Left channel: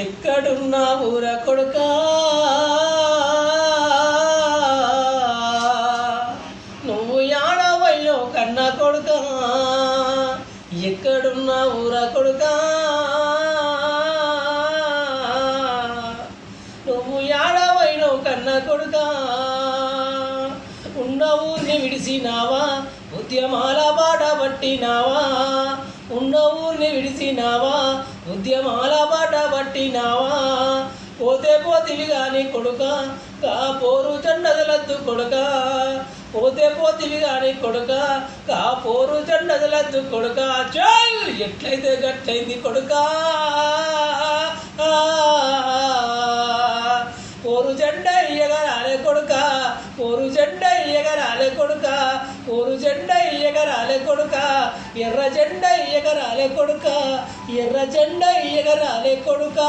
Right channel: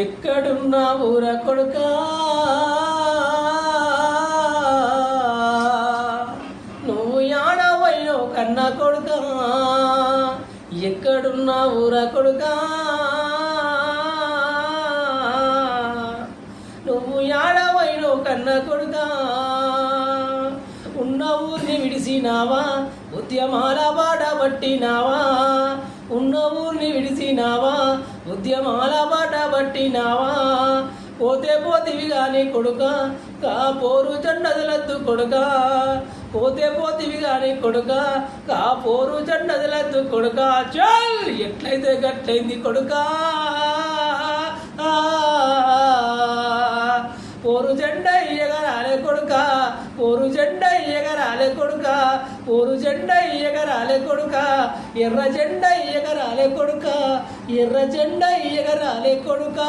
ఎక్కడున్నా ఊర కొడుకా నువ్వు యాడవైనో కన్న కొడుకా ఎక్కడున్నా ఊర కొడుకా నువ్వు యాడవైనో కన్న కొడుకా ఉన్న ఊరిని విడిసినావా ఉద్యమాల బాట పట్టినావా ఉన్న ఊరిని విడిసినావా ఉద్యమాల బాట పట్టినావా పోతే పోతివి గాని కొడుక కాపోరు జెండదలద్దు కొడుక పోతే పోతివి గాని కొడుక కాపోరు జెండదలద్దు కొడుక చల్ ఎట్లయితే గట్లయింది కొడుక పోరు జెండ ఎగరాలే కొడుక పోరు జెండ ఎగరాలే కొడుక పోరు జెండ ఎగరాలే కొడుక ఎర్ర జెండ ఎగరాలే కొడుక ఎర్ర జెండ ఎగరాలే కొడుక